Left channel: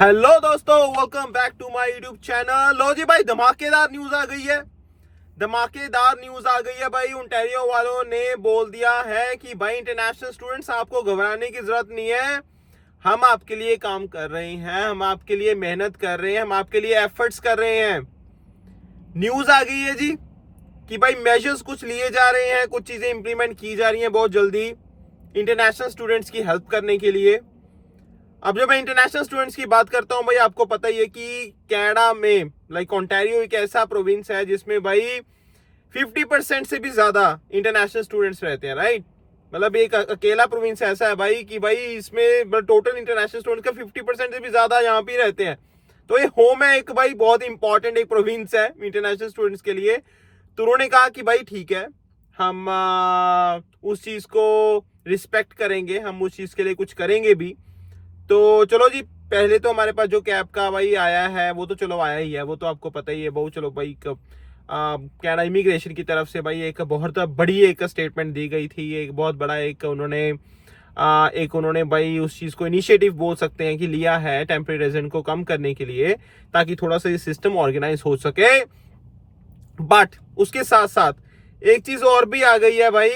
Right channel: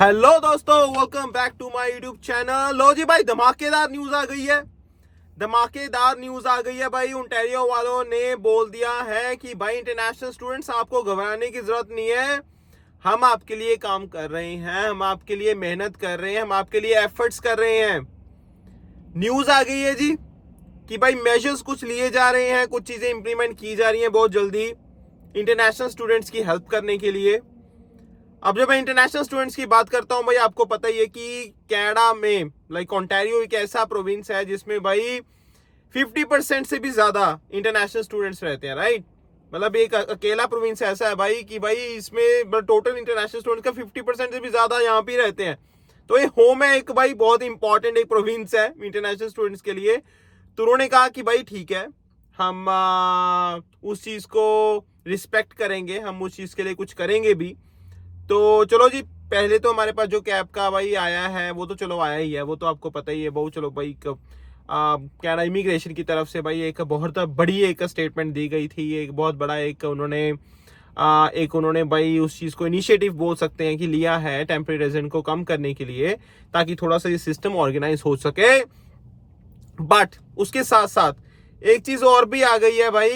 Hello दोस्तों, welcome back to my YouTube channel. लो जी भाई, धमाकेदार न्यूज आ गई है। धमाकेदार न्यूज आ गई है भाई। ओंटारियो वालों ने बोल दिया है कि भाई इंटरनेशनल स्टूडेंट्स, आपको घबराने की जरूरत नहीं है। हम आपके लिए काम कर रहे हैं, हम आपके लिए मेहनत कर रहे हैं, हम आपके लिए एफर्ट्स कर रहे हैं। न्यूज आ गई है जी कि भाई मेजर्स कुछ लिए जा रहे हैं, कुछ चीजें इंप्लीमेंट की जा रही हैं बहुत जल्दी इंटरनेशनल स्टूडेंट्स की हेल्प करने के लिए। अब जब मैं इंटरनेशनल स्टूडेंट्स की बात करता हूं भाई, आपको पता ही है कि कनाडा में ओंटारियो एक ऐसा प्रोविंस है जिसमें भाई 50% से भी ज्यादा इंटरनेशनल स्टूडेंट्स रहते हैं, राइट। मतलब एक अकेला प्रोविंस ऐसा है भाई कि भाई इसमें टोटल इंटरनेशनल स्टूडेंट्स का 50% से भी ज्यादा यहाँ पे रहते हैं। तो ये होम है एक भाई, बहुत इंपॉर्टेंट एक प्रोविंस है इंटरनेशनल स्टूडेंट्स के लिए। तो उन्होंने कहा कि भाई ठीक है, हम उस चीज को रिस्पेक्ट करेंगे, हम उस चीज के लिए कुछ करेंगे भी। तो चलो जी, पहले तो हमारे पास जो कैब का भाई आया है वो तो चलो आया ही है, वो तो आपको पता ही है। बहुत चलो भाई, कनाडा इमिग्रेशन की तरफ से भाई एक बहुत बड़ी एक स्टेटमेंट दी गई थी। एक बहुत बड़ा एक उन्होंने भाई उस चीज को इनिशिएटिव बोल सकते हैं कि लिया है टेम्परेरी रेजिडेंट को कम करने के लिए, ताकि थोड़ा सा ये सिस्टम ऑर्गेनाइज हो सके। बट उसके साथ साथ एक चीज और भी आ गई है भाई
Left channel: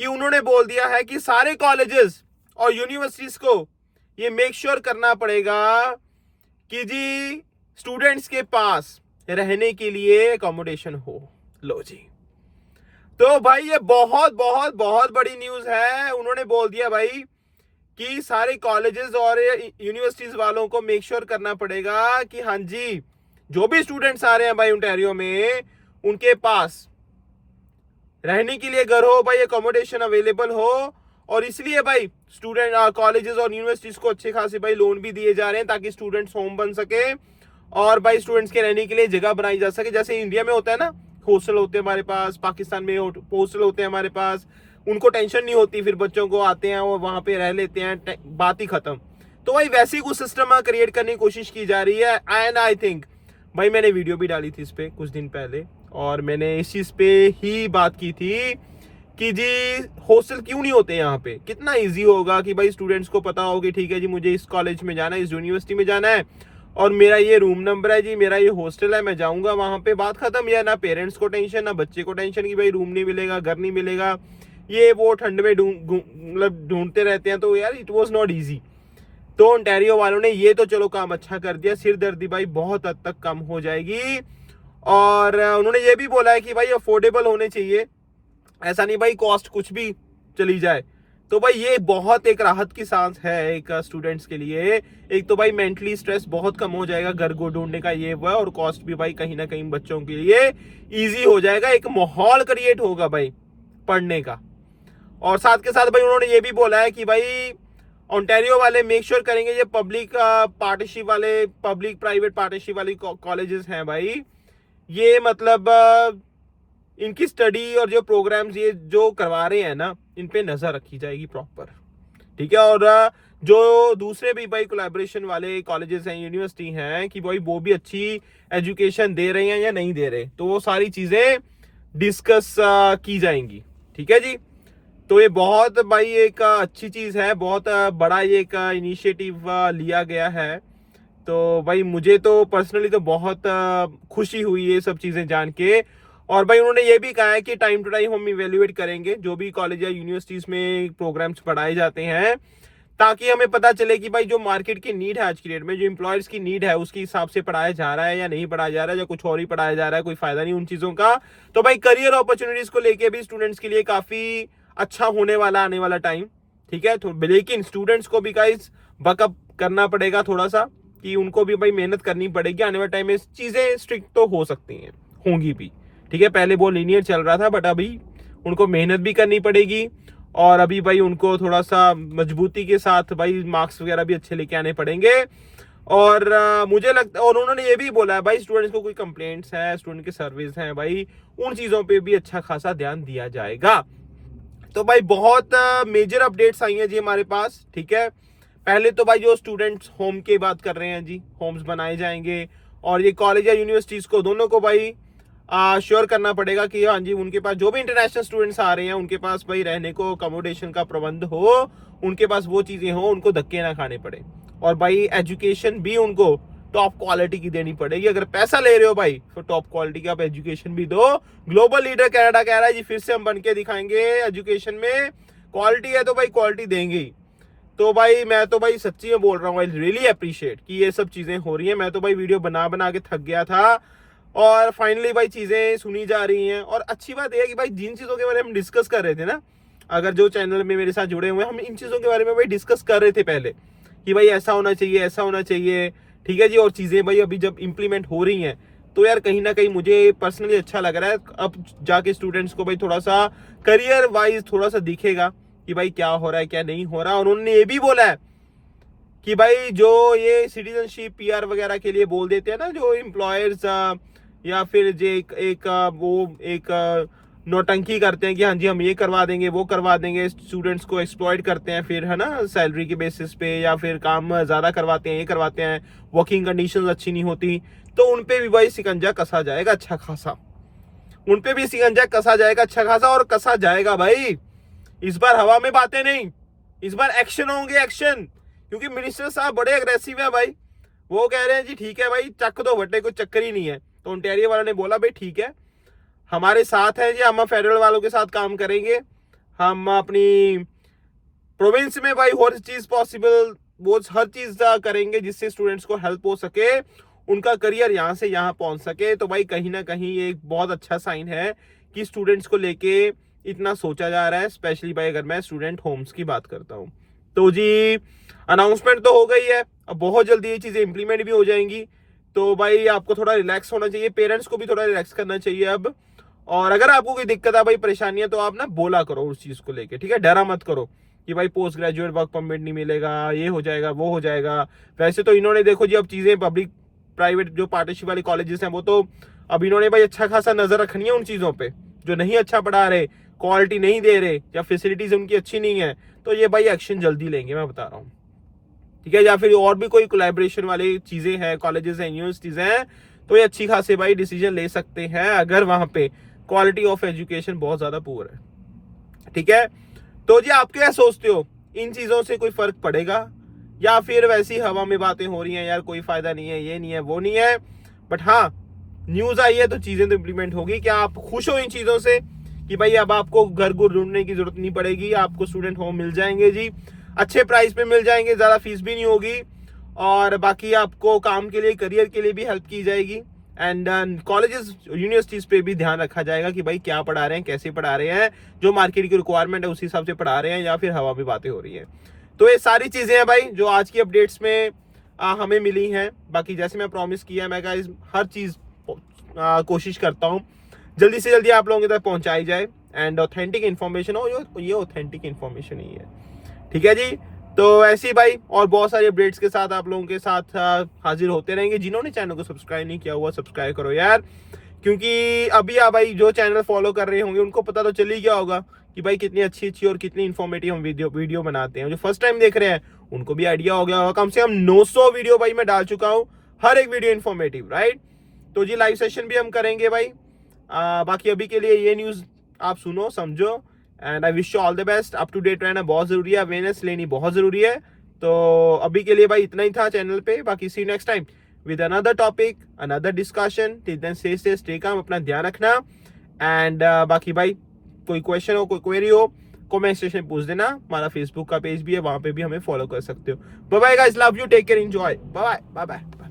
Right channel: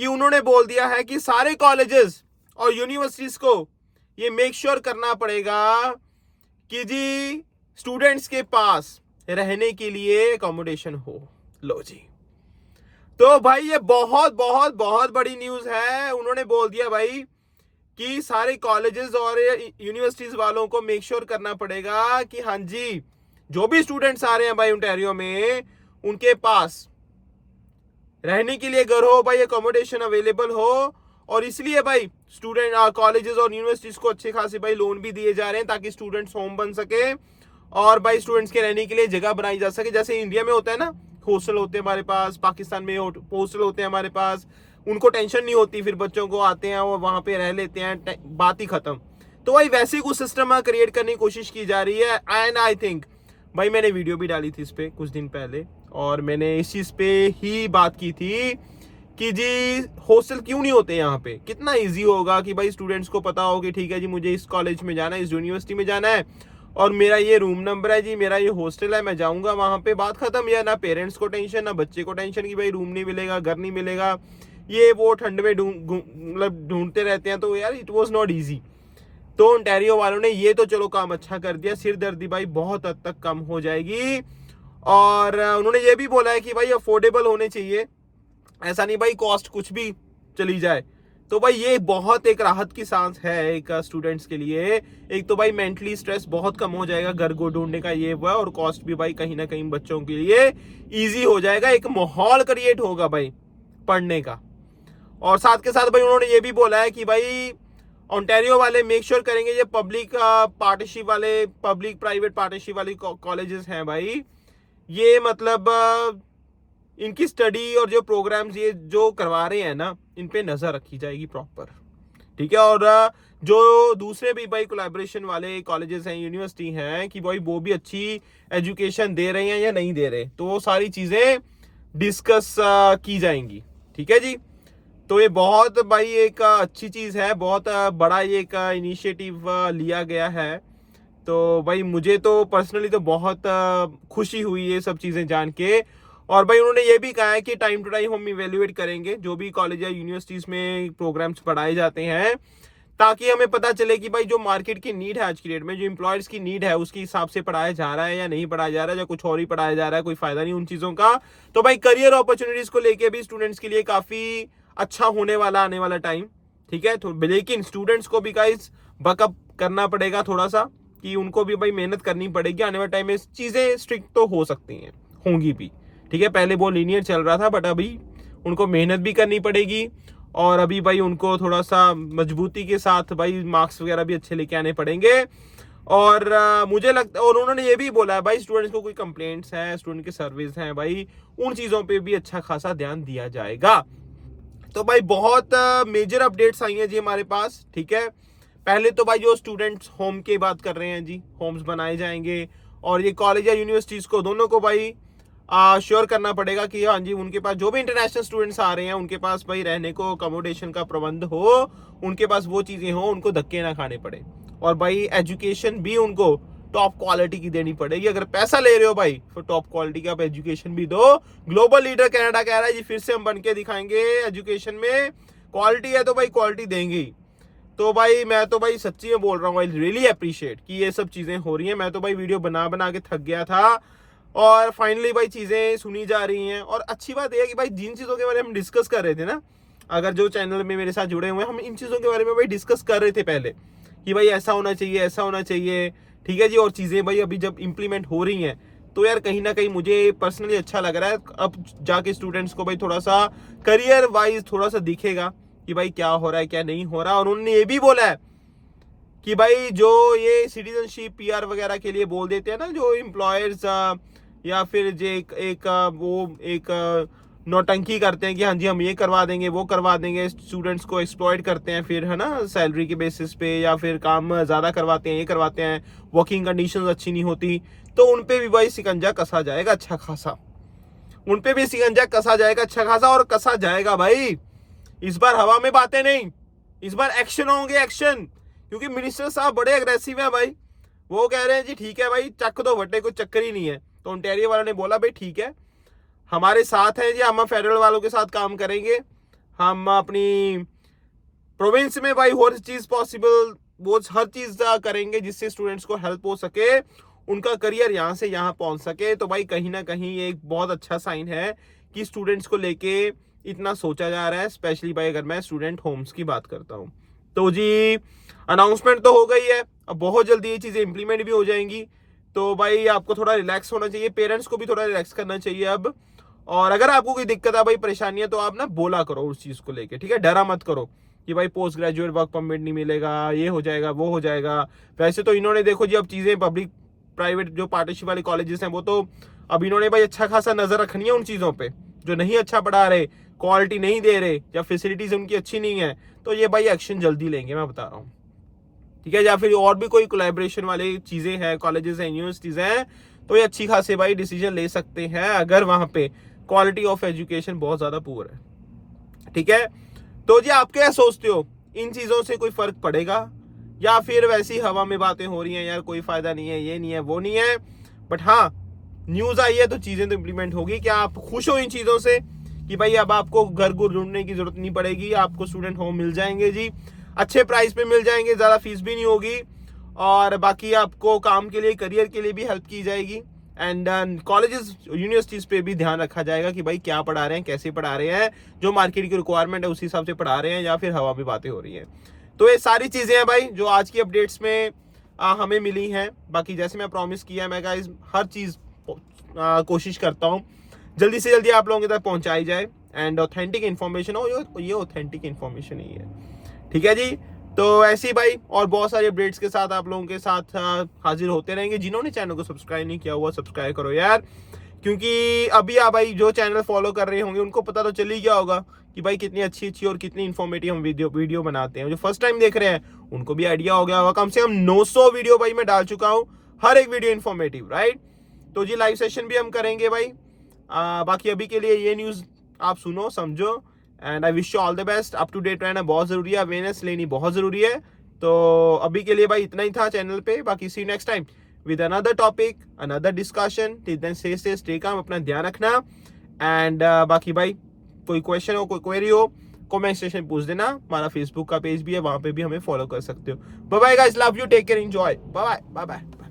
कि उन्होंने बोल दिया है कि सारे कॉलेजेस और यूनिवर्सिटीज को ये मेक श्योर करना पड़ेगा कि जी स्टूडेंट्स के पास रहने के लिए एकोमोडेशन हो। लो जी, तो भाई ये बहुत बहुत बहुत बड़ी न्यूज है। उन्होंने बोल दिया भाई कि सारे कॉलेजेस और यूनिवर्सिटीज वालों को मेक श्योर करना पड़ेगा कि हाँ जी, जो भी स्टूडेंट्स आ रहे हैं भाई ओंटारियो में, उनके पास रहने के लिए घर हो भाई, एकोमोडेशन अवेलेबल हो। और इसलिए भाई स्टूडेंट कॉलेजेस और यूनिवर्सिटीज को अच्छे खासे भाई लोन भी दिए जा रहे हैं, ताकि स्टूडेंट्स होम बन सके और भाई स्टूडेंट्स के रहने के लिए जगह बनाई जा सके। जैसे इंडिया में होता है ना, हॉस्टल होते हैं हमारे पास, पाकिस्तान में हॉस्टल होते हैं हमारे पास, उनको टेंशन नहीं होती, फिर बच्चों को आते हैं और वहां पे रह लेते हैं, बात ही खत्म। तो भाई वैसे ही कुछ सिस्टम क्रिएट करने की कोशिश की जा रही है। एंड आई थिंक भाई, मैंने वीडियो भी डाली थी इस पे कुछ दिन पहले, और मैंने इस चीज पे ही बात की थी कि जी हॉस्टल क्यों नहीं होते यहाँ पे। कितना इजी होगा कि भाई स्टूडेंट्स को पता हो कि ठीक है जी, मुझे इस कॉलेज में जाना है, इस यूनिवर्सिटी में जाना है, और मेरा ये रूम नंबर है जी, मेरा ये हॉस्टल है, मैं जाऊंगा वहां पे, बात खत्म। या ना पेरेंट्स को टेंशन, ना बच्चे को टेंशन कि भाई रूम नहीं मिलेगा, घर नहीं मिलेगा, ये वो ठंड में मतलब ढूंढते रहते हैं। तो यार इट वॉज नॉट ईजी। तो ओंटारियो वालों ने ये तो चलो काम अच्छा कर दिया, सिरदर्दी भाई बहुत हद तक कम हो जाएगी। और उन्होंने ये भी बोला है कि भाई अफोर्डेबल होने चाहिए, ऐसा नहीं भाई कॉस्ट कुछ भी चली जाए। तो भाई ये बहुत एक राहत की सांस है एक स्टूडेंट्स के लिए। एक तो भाई मेंटली स्ट्रेस बहुत कम हो जाएगा घर को ढूंढने का, ये वो है, और कॉस्ट भी भाई कहीं ना कहीं बच्चों के लिए इजी हो जाएगा। एक माहौल क्रिएट होगा भाई पढ़ने का। और साथ के साथ भाई उन्होंने ये भी बोला है कि भाई ओंटारियो वाले मेक श्योर करेंगे ये पब्लिक पार्टनरशिप वाले, पब्लिक प्राइवेट पार्टनरशिप वाली कॉलेजेस हैं भाई, ये मतलब इनकी स्टडी और जो प्रोग्राम्स ये जो करवा रहे हैं ना, इन पे नजर रखी जाएगी प्रॉपर, ठीक है। और जो दूसरे भी भाई कोलैबोरेशन वाले कॉलेजेस हैं, यूनिवर्सिटी हैं, कि भाई वो भी अच्छी एजुकेशन दे रहे हैं या नहीं दे रहे, तो वो सारी चीजें डिस्कस की जाएंगी, ठीक है जी। तो ये बहुत भाई एक अच्छी चीज है, बहुत बड़ा ये एक इनिशिएटिव लिया गया है। तो भाई मुझे तो पर्सनली तो बहुत खुशी हुई ये सब चीजें जान के। और भाई उन्होंने ये भी कहा है कि टाइम टू टाइम हम इवेल्युएट करेंगे जो भी कॉलेज या यूनिवर्सिटीज में प्रोग्राम्स पढ़ाए जाते हैं, ताकि हमें पता चले कि भाई जो मार्केट की नीड है आज की डेट में, जो एम्प्लॉयर्स की नीड है, उसके हिसाब से पढ़ाया जा रहा है या नहीं पढ़ाया जा रहा है, या कुछ और ही पढ़ाया जा रहा है, कोई फायदा नहीं उन चीजों का। तो भाई करियर अपॉर्चुनिटीज को लेके भी स्टूडेंट्स के लिए काफी अच्छा होने वाला आने वाला टाइम, ठीक है। तो लेकिन स्टूडेंट्स को भी गाइस बकअप करना पड़ेगा थोड़ा सा, कि उनको भी भाई मेहनत करनी पड़ेगी। आने वाले टाइम में चीजें स्ट्रिक्ट तो हो सकती हैं, होंगी भी, ठीक है। पहले वो लीनियर चल रहा था, बट अभी उनको मेहनत भी करनी पड़ेगी, और अभी भाई उनको थोड़ा सा मजबूती के साथ भाई मार्क्स वगैरह भी अच्छे लेके आने पड़ेंगे। और मुझे लगता है, और उन्होंने ये भी बोला है भाई स्टूडेंट्स को कोई कंप्लेंट्स है, स्टूडेंट की सर्विस है भाई, उन चीजों पे भी अच्छा खासा ध्यान दिया जाएगा। तो भाई बहुत मेजर अपडेट्स आई हैं जी हमारे पास, ठीक है। पहले तो भाई जो स्टूडेंट्स होम की बात कर रहे हैं जी, होम्स बनाए जाएंगे, और ये कॉलेज या यूनिवर्सिटीज को दोनों को भाई श्योर करना पड़ेगा कि हाँ जी उनके पास जो भी इंटरनेशनल स्टूडेंट्स आ रहे हैं उनके पास भाई रहने को अकोमोडेशन का प्रबंध हो, उनके पास वो चीजें हो, उनको धक्के ना खाने पड़े। और भाई एजुकेशन भी उनको टॉप क्वालिटी की देनी पड़ेगी। अगर पैसा ले रहे हो भाई तो टॉप क्वालिटी की आप एजुकेशन भी दो। ग्लोबल लीडर कनाडा कह रहा है जी फिर से हम बन के दिखाएंगे एजुकेशन में, क्वालिटी है तो भाई क्वालिटी देंगे ही। तो भाई मैं तो भाई सच्ची में बोल रहा हूँ, आई रियली अप्रिशिएट कि ये सब चीजें हो रही हैं। मैं तो भाई वीडियो बना बना के थक गया था और फाइनली भाई चीजें सुनी जा रही हैं। और अच्छी बात यह है कि भाई जिन चीजों के बारे में हम डिस्कस कर रहे थे ना, अगर जो चैनल में मेरे साथ जुड़े हुए हैं, हम इन चीजों के बारे में भाई डिस्कस कर रहे थे पहले कि भाई ऐसा होना चाहिए, ऐसा होना चाहिए, ठीक है जी। और चीजें भाई अभी जब इम्प्लीमेंट हो रही हैं तो यार कहीं ना कहीं मुझे पर्सनली अच्छा लग रहा है। अब जाके स्टूडेंट्स को भाई थोड़ा सा करियर वाइज थोड़ा सा दिखेगा कि भाई क्या हो रहा है क्या नहीं हो रहा। और उन्होंने ये भी बोला है कि भाई जो ये सिटीजनशिप पीआर वगैरह के लिए बोल देते हैं ना जो एम्प्लॉयर्स या फिर जो एक नौटंकी करते हैं कि हाँ जी हम ये करवा देंगे वो करवा देंगे, स्टूडेंट्स को एक्सप्लॉइट करते हैं फिर, है ना, सैलरी के बेसिस पे, या फिर काम ज्यादा करवाते हैं, ये करवाते हैं, वर्किंग कंडीशंस अच्छी नहीं होती, तो उनपे भी भाई शिकंजा कसा जाएगा अच्छा खासा। उनपे भी शिकंजा कसा जाएगा अच्छा खासा, और कसा जाएगा भाई। इस बार हवा में बातें नहीं, इस बार एक्शन होंगे, एक्शन। क्योंकि मिनिस्टर साहब बड़े अग्रेसिव है भाई। वो कह रहे हैं जी ठीक है भाई चक दो भट्टे, कोई चक्कर ही नहीं है। तो ओंटारियो वालों ने बोला भाई ठीक है हमारे साथ है जी, हम फेडरल वालों के साथ काम करेंगे, हम अपनी प्रोविंस में भाई हर चीज पॉसिबल वो हर चीज करेंगे जिससे स्टूडेंट्स को हेल्प हो सके, उनका करियर यहाँ से यहाँ पहुंच सके। तो भाई कहीं ना कहीं एक बहुत अच्छा साइन है कि स्टूडेंट्स को लेके इतना सोचा जा रहा है, स्पेशली भाई अगर मैं स्टूडेंट होम्स की बात करता हूँ। तो जी अनाउंसमेंट तो हो गई है, अब बहुत जल्दी ये चीजें इंप्लीमेंट भी हो जाएंगी। तो भाई आपको थोड़ा रिलैक्स होना चाहिए, पेरेंट्स को भी थोड़ा रिलैक्स करना चाहिए अब। और अगर आपको कोई दिक्कत है भाई परेशानी है तो आप ना बोला करो उस चीज को लेके, ठीक है, डरा मत करो कि भाई पोस्ट ग्रेजुएट वर्क परमिट नहीं मिलेगा, ये हो जाएगा वो हो जाएगा। वैसे तो इन्होंने देखो जी अब चीजें पब्लिक प्राइवेट जो पार्टनरशिप वाले कॉलेजेस हैं वो तो अब इन्होंने भाई अच्छा खासा नजर रखनी है उन चीजों पे जो नहीं अच्छा पढ़ा रहे, क्वालिटी नहीं दे रहे, या फैसिलिटीज उनकी अच्छी नहीं है, तो ये भाई एक्शन जल्दी लेंगे, मैं बता रहा हूँ, ठीक है। या फिर और भी कोई कोलैबोरेशन वाली चीजें हैं, कॉलेजेस हैं, यूनिवर्सिटीज हैं, तो ये अच्छी खासी भाई डिसीजन ले सकते हैं अगर वहां पे क्वालिटी ऑफ एजुकेशन बहुत ज्यादा पुअर है, ठीक है। तो जी आप क्या सोचते हो, इन चीजों से कोई फर्क पड़ेगा या फिर वैसी हवा में बातें हो रही हैं, यार कोई फायदा नहीं है, ये नहीं है वो नहीं है। बट हाँ न्यूज आई है तो चीजें तो इंप्लीमेंट होगी। क्या आप खुश हो इन चीजों से कि भाई अब आपको घर को ढूंढने की जरूरत नहीं पड़ेगी, आपको स्टूडेंट होम मिल जाएंगे जी, अच्छे प्राइस पे मिल जाएंगे, ज्यादा फीस भी नहीं होगी, और बाकी आपको काम के लिए करियर के लिए भी हेल्प की जाएगी। एंड कॉलेजेस यूनिवर्सिटीज पे भी ध्यान रखा जाएगा कि भाई क्या पढ़ा रहे हैं, कैसे पढ़ा रहे हैं, जो मार्केट की रिक्वायरमेंट है उसी हिसाब से पढ़ा रहे हैं या फिर हवा में बातें हो रही हैं। तो ये सारी चीजें हैं भाई जो आज की अपडेट्स में हमें मिली हैं। बाकी जैसे मैं प्रॉमिस किया मैं गाइस हर चीज कोशिश करता हूँ जल्दी से जल्दी आप लोगों तक पहुंचाई जाए एंड ऑथेंटिक इन्फॉर्मेशन हो, ये ऑथेंटिक इन्फॉर्मेशन ही है, ठीक है जी। तो ऐसे ही भाई और बहुत सारे अपडेट्स के साथ आप लोगों के साथ हाजिर होते रहेंगे। जिन्होंने चैनल को सब्सक्राइब नहीं किया हुआ सब्सक्राइब करो यार, क्योंकि अभी आप भाई जो चैनल फॉलो कर रहे होंगे उनको पता तो चल ही गया होगा कि भाई कितनी अच्छी अच्छी और कितनी इन्फॉर्मेटिव हम वीडियो बनाते हैं। जो फर्स्ट टाइम देख रहे हैं उनको भी आइडिया हो गया होगा, कम से कम 900 वीडियो भाई मैं डाल चुका हूँ, हर एक वीडियो इन्फॉर्मेटिव, राइट। तो जी लाइव सेशन भी हम करेंगे भाई। बाकी अभी के लिए ये न्यूज आप सुनो समझो and I wish you all the best. Up to date रहना बहुत जरूरी है, अवेयरनेस लेनी बहुत जरूरी है। तो अभी के लिए भाई इतना ही था चैनल पे, बाकी see next time with another topic another discussion. Till then stay calm, अपना ध्यान रखना एंड बाकी भाई कोई क्वेश्चन हो कोई क्वेरी हो कमेंट सेक्शन में पूछ देना। हमारा फेसबुक का पेज भी है, वहां पे भी हमें फॉलो कर सकते हो। Bye bye guys, love you, take care, enjoy, bye bye bye bye.